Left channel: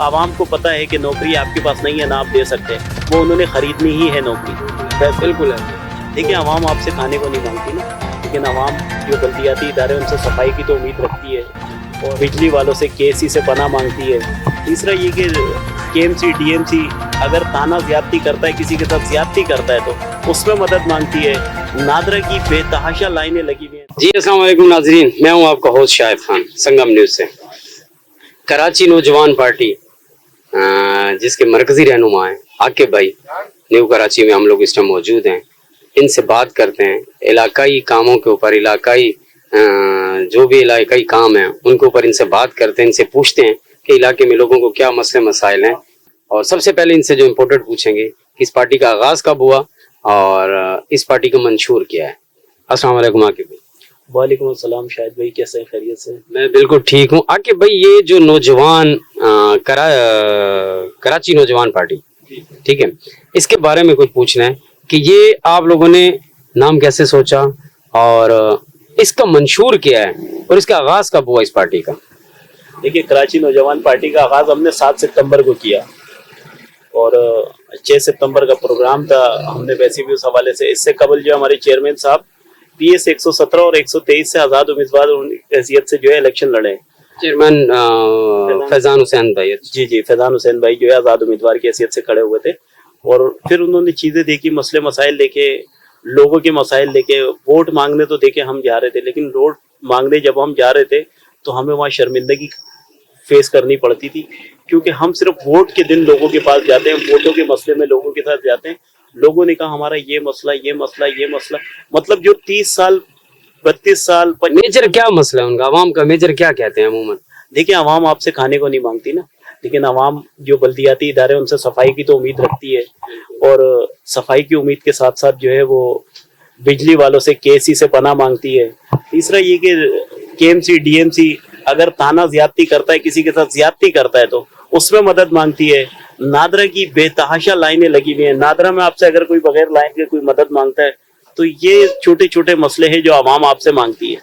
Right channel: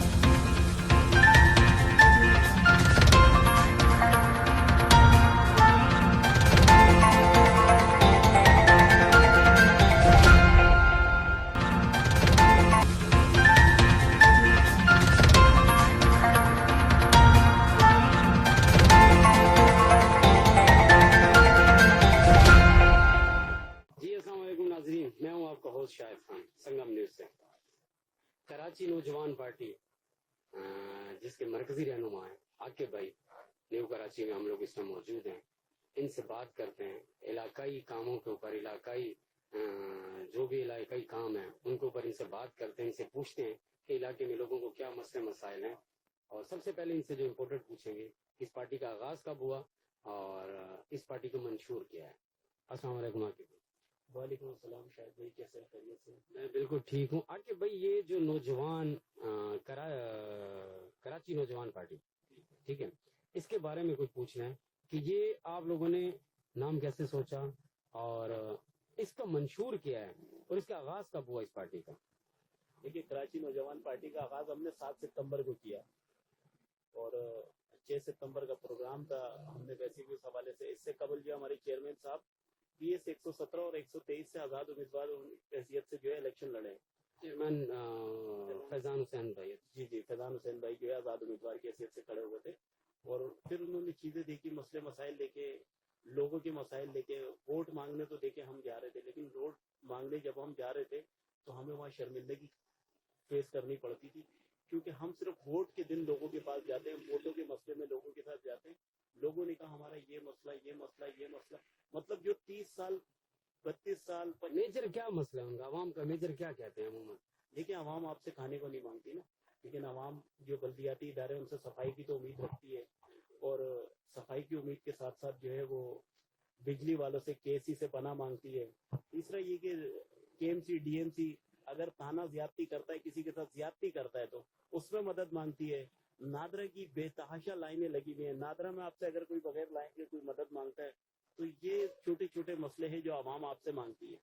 عوام کو پتہ ہے کہ نوکری آپ کے پاس نہیں ہے نہ آپ دے سکتے, وہ انہوں نے خریدنی ہی ہے نوکری. بالکل ہے. دیکھیں عوام آپ سے کھانے کو نہیں مانگتی نا, لیکن عوام جو بلدیاتی ادارے ان سے صفائی کی تو امید رکھتی ہے, اور بجلی والوں سے کے سی سے پناہ مانگتی ہے. تیسرا یہ کہ K M C D M C اگر تانا زیادتی کرتا ہے, کسی کے ساتھ زیادتی کرتا ہے تو اس میں مدد مانگتی ہے. نادرا کی بے تحاشا لائنیں لگی ہوئی ہیں. جی السلام علیکم ناظرین, میں ہوں آپ کا ہوسٹ شاہد خان سنگم نیوز سے. کراچی نوجوان پارٹی جس کے مرکزی رہنما ہیں عاقب بھائی, نیو کراچی میں ہم لوگ اس ٹائم موجود ہیں. ان سے بات کرتے ہیں علاقائی کاموں کے اوپر, علاقائی جو بھی علاقائی کام ہیں ان کے اوپر ان سے بات کرتے ہیں, ان سے پوچھتے ہیں کہ علاقے میں لوگوں کو کیا مسئلے مسائل ہیں. اور سب سے پہلے ان سے جو امپورٹنٹ پوچھیں گے کہ اس پارٹی کا آغاز کب ہوا اور اس پارٹی کا منشور کیا ہے. السلام علیکم عاقب بھائی. وعلیکم السلام شاہد بھائی, کیسے ہیں, خیریت سے؟ میں بالکل ٹھیک ہوں. عاقب بھائی, یہ جو نوجوان کراچی نوجوان پارٹی, ٹھیک ہے, اس کے بارے میں کچھ پوچھنا ہے کہ یہ آپ لوگوں نے نام کیسے سوچا اور اس کا منشور کیا ہے اور اس کا آغاز کب ہوا اس پارٹی کا؟ دیکھیے, کراچی نوجوان پارٹی کا آغاز ہم نے 7 ستمبر کو کیا, اور 6 ستمبر کا پروگرام تھا. ہم نے ویسے بھی اس حوالے سے, اس سے قبل جو ہمارے چیئرمین صاحب پی ایس 117 اور 123 سے آزاد امیدوار حیثیت سے جو ہے الیکشن لڑے. چیئرمین فیضان حسین بھائی. جی فیضان حسین بھائی جو ہے آزاد امیدوار کی حیثیت سے کھڑے ہوئے تھے, اور پھر انہوں نے چیزیں دیکھی, مسئلے مسائل دیکھے, لوگوں کے مسائل دیکھے. ووٹ مانگنے تو دیکھے ہم جا رہے تھے, لیکن ووٹ مانگنے جب ہم جا رہے تھے تو ہمیں وہاں شرمندگی فیس کرنی پڑتی تھی, کیونکہ ہم صرف ووٹ کے دن لوگوں کے پاس جاتے ہیں, ووٹوں کے مسئلے میں لوگوں کے ساتھ جاتے ہیں. لوگوں نے کہا ہمارا یہ مسئلہ, یہ مسئلہ, یہ مسئلہ, مطلب جو 30 سال 32 سال میجر کیا مسئلہ ہے ان کا, عوام کا میجر کیا کہتے ہیں عموماً؟ دیکھیں عوام آپ سے کھانے کو نہیں مانگتی نا, لیکن عوام جو بلدیاتی ادارے ان سے صفائی کی تو امید رکھتی ہے, اور صفائی کی امید کے ساتھ ساتھ جو ہے وہ بجلی والوں سے کے سی سے پناہ مانگتی ہے. تیسرا یہ کہ K M C D M C اگر تانا زیادتی کرتا ہے, کسی کے ساتھ زیادتی کرتا ہے تو اس میں مدد مانگتی ہے. نادرا کی بے تحاشا لائنیں لگی ہوئی ہیں. نادرا میں آپ سے اگر کوئی بغیر لائن کے کوئی مدد مانگتا ہے تو یہ چھوٹے چھوٹے مسئلے ہیں جو عوام آپ سے مانگتی ہے,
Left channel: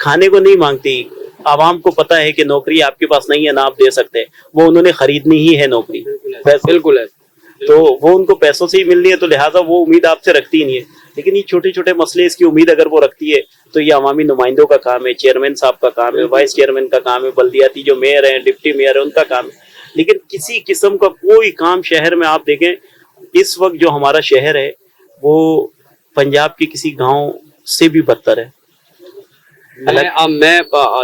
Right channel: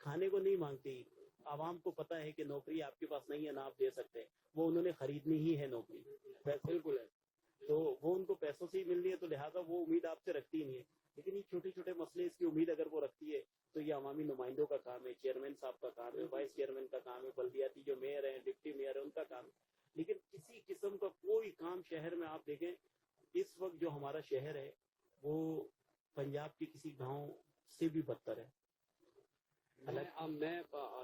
کھانے کو نہیں مانگتی. عوام کو پتہ ہے کہ نوکری آپ کے پاس نہیں ہے نہ آپ دے سکتے, وہ انہوں نے خریدنی ہی ہے نوکری. بالکل ہے, تو وہ ان کو پیسوں سے ہی ملنی ہے, تو لہٰذا وہ امید آپ سے رکھتی ہی نہیں ہے. لیکن یہ چھوٹے چھوٹے مسئلے, اس کی امید اگر وہ رکھتی ہے تو یہ عوامی نمائندوں کا کام ہے, چیئرمین صاحب کا کام ہے, وائس چیئرمین کا کام ہے, بلدیاتی جو میئر ہیں, ڈپٹی میئر ہیں, ان کا کام ہے. لیکن کسی قسم کا کوئی کام شہر میں آپ دیکھیں, اس وقت جو ہمارا شہر ہے وہ پنجاب کے کسی گاؤں سے بھی بدتر ہے. میں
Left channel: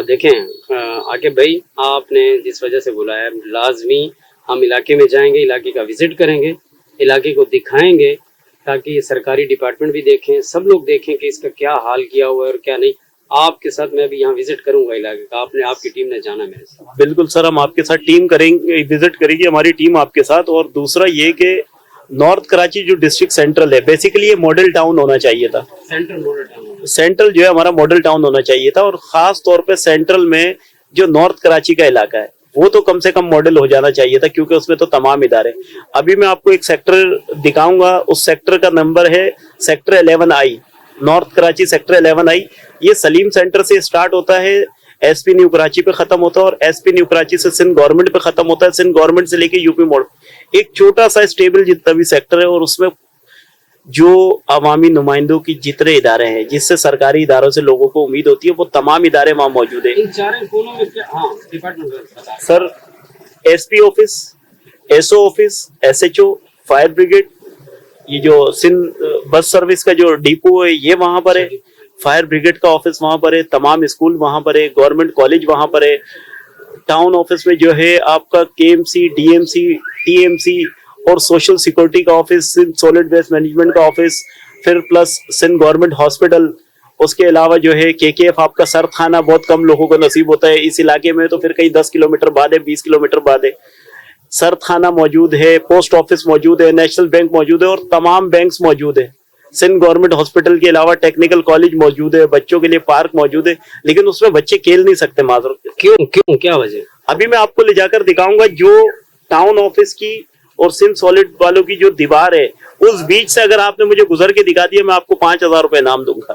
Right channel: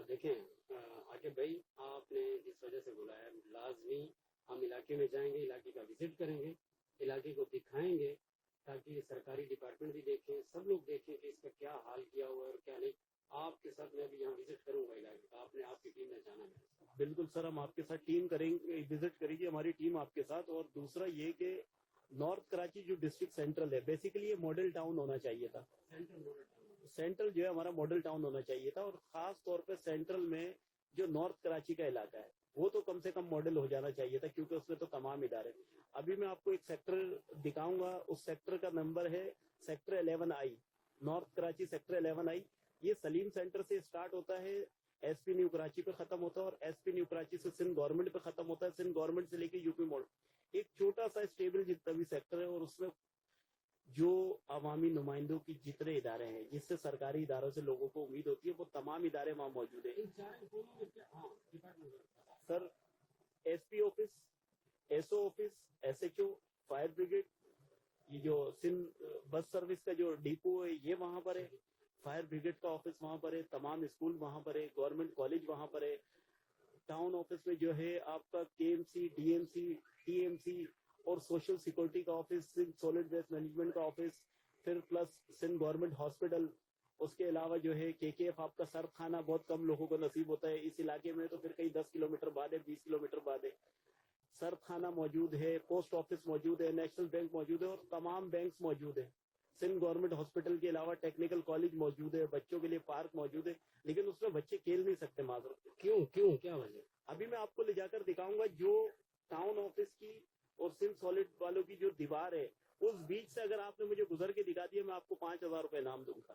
دیکھیں عاقب بھائی, آپ نے جس وجہ سے بلایا لازمی ہم علاقے میں جائیں گے, علاقے کا وزٹ کریں گے, علاقے کو دکھائیں گے تاکہ یہ سرکاری ڈپارٹمنٹ بھی دیکھیں, سب لوگ دیکھیں کہ اس کا کیا حال کیا ہوا ہے اور کیا نہیں. آپ کے ساتھ میں بھی یہاں وزٹ کروں گا علاقے کا, آپ کی ٹیم نے جانا میرے ساتھ. بالکل سر, ہم آپ کے ساتھ ٹیم کریں گے, وزٹ کرے گی ہماری ٹیم آپ کے ساتھ. اور دوسرا یہ کہ نارتھ کراچی جو ڈسٹرکٹ سینٹرل ہے, بیسیکلی یہ ماڈل ٹاؤن ہونا چاہیے تھا. سینٹرل جو ہے ہمارا ماڈل ٹاؤن ہونا چاہیے تھا, اور خاص طور پہ سینٹرل میں جو نارتھ کراچی کا علاقہ ہے وہ تو کم سے کم ماڈل ہو جانا چاہیے تھا, کیونکہ اس میں تو تمام ادارے. ابھی میں آپ کو ایک سیکٹر دکھاؤں گا, اس سیکٹر کا نمبر ہے sector 11I, north Karachi sector 11I. یہ سلیم سینٹر سے اسٹارٹ ہوتا ہے, ایس پی نیو کراچی پہ ختم ہوتا ہے, اور ایس پی نیو کراچی سے سندھ گورنمنٹ پہ ختم ہوتا ہے, سندھ گورنمنٹ سے لے کے یو پی موڑ. ایک چھوٹا سا اسٹیبل جتنا بھی سیکٹر ہے, اور اس میں جو عوامی نمائندوں کی جتنے ادارے ہیں جس سے سرکاری اداروں سے لوگوں کو امید ہوتی ہے, وہ تمام ادارے وہاں موجود ہیں. Sir S P office, S O office, S H O, fire brigade, یہ جو سندھ بس سروس کا جو ڈیپو ہے یہ وہاں پر ہے, فائر بریگیڈ کا آفس وہاں پر ہے, تمام اسکول وہاں پر ہے, گورنمنٹ کالج وہاں پر ہے. ٹاؤن آفس میں جو ہے آپ کا K M C, D M C, T M C اور سوشل سیکورٹی کا office, Sindh solid waste management کا آفس, پھر پلس سندھ گورنمنٹ ہاسپٹل. اس کے علاوہ جو ہے کے ایف آپ کا سرد خانہ بہت کم لوگوں کو نصیب ہوتا ہے اس علاقے میں, تو پھر کہیں 10 کلومیٹر بعد ہے, 20 کلومیٹر بعد ہے. سرد خانہ موجود ہے, پوسٹ آفس موجود ہے, نیشنل بینک موجود ہے, اور تمام بینکس موجود ہے. سندھ گورنمنٹ ہاسپٹل کے علاوہ ٹیکنیکل کالج موجود ہے, بچوں کے لیے پارک موجود ہے, لیکن اس میں بچے کھیل نہیں سکتے. معذرت, کیوں کیا وجہ؟ ابھی میں آپ کو لے جا کر دکھاؤں گا. جو ٹاؤن آفس کی اور سندھ سالڈ والوں کی جو دیوار ہے, اس بیچ سے اگر آپ نے مجھے گزر کے دکھا دیا, میں آپ کو 5,000 روپے انعام دوں گا.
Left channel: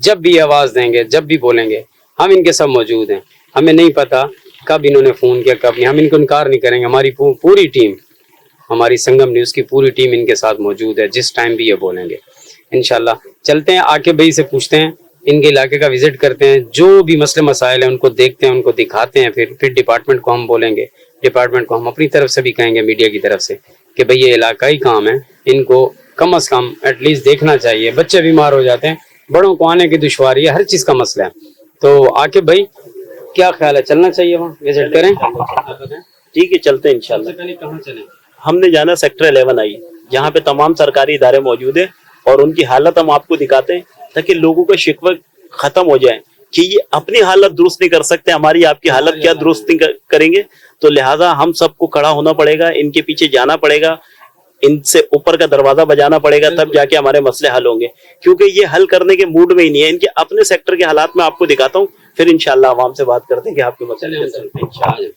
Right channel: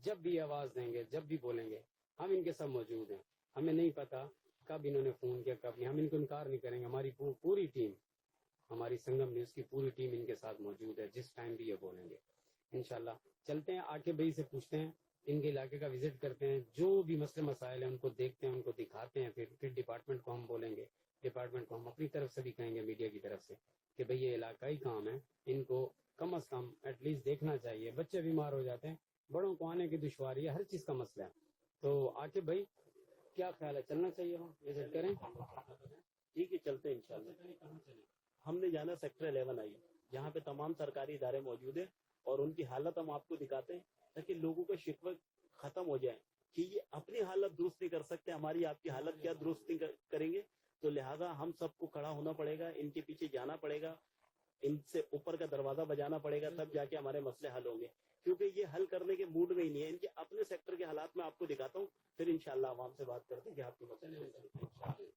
جب بھی آواز دیں گے, جب بھی بولیں گے, ہم ان کے سب موجود ہیں. ہمیں نہیں پتا کب انہوں نے فون کیا کب نہیں, ہم ان کو انکار نہیں کریں گے. ہماری پوری ٹیم, ہماری سنگم نیوز کی پوری ٹیم ان کے ساتھ موجود ہے جس ٹائم بھی یہ بولیں گے انشاءاللہ. چلتے ہیں عاقب بھائی سے پوچھتے ہیں, ان کے علاقے کا وزٹ کرتے ہیں, جو بھی مسئلے مسائل ہیں ان کو دیکھتے ہیں, ان کو دکھاتے ہیں. پھر ڈپارٹمنٹ کو ہم بولیں گے, ڈپارٹمنٹ کو ہم اپنی طرف سے بھی کہیں گے, میڈیا کی طرف سے, کہ بھئی یہ علاقائی کام ہے, ان کو کم از کم ایٹ لیسٹ دیکھنا چاہیے. بچے بیمار ہو جاتے ہیں, بڑوں کو آنے کی دشواری ہے, ہر چیز کا مسئلہ ہے. تو عاقب بھائی کیا خیال ہے, چلنا چاہیے وہاں وزٹ کریں؟ ٹھیک ہے, چلتے ہیں انشاءاللہ. کہاں چلیں؟ ہم نے جانا سیکٹر 11 آئی, جہاں پہ تمام سرکاری ادارے موجود ہیں اور ان کی حالت ہم آپ کو دکھاتے ہیں تاکہ لوگوں کا شکوہ ختم ہو جائے کہ یہ اپنی حالت درست نہیں کر سکتے, ہماری آپ کی حالت کیا درست نہیں کریں گے. تو لہٰذا ہم سب کو کھڑا ہونا پڑے گا, ان کے پیچھے جانا پڑے گا, ان سے اوپر کا دروازہ بجانا پڑے گا, تب جا کے ہمارے مسئلے حل ہوں گے. کیونکہ یہ حل کرنے کے موڈ میں ہی نہیں ہے. ان کے اپنے سیکٹر کے حالات میں آپ کو دکھاتا ہوں, پھر انشاءاللہ عوام سے بات کرتے ہیں کہ آپ کے مسئلے حل کرتے ہیں انشاءاللہ.